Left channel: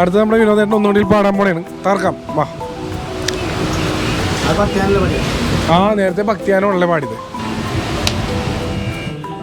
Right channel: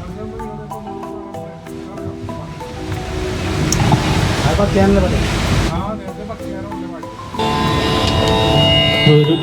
അടുത്ത നമ്മുടെ വിനോദേട്ടൻ ഒന്നുകൂടി പാടാൻ പോണേണ്. തർക്കം വാ. ആ നേരത്തെ ഭക്തിയാനോടല്ലേ പാടിയത്. ഒരു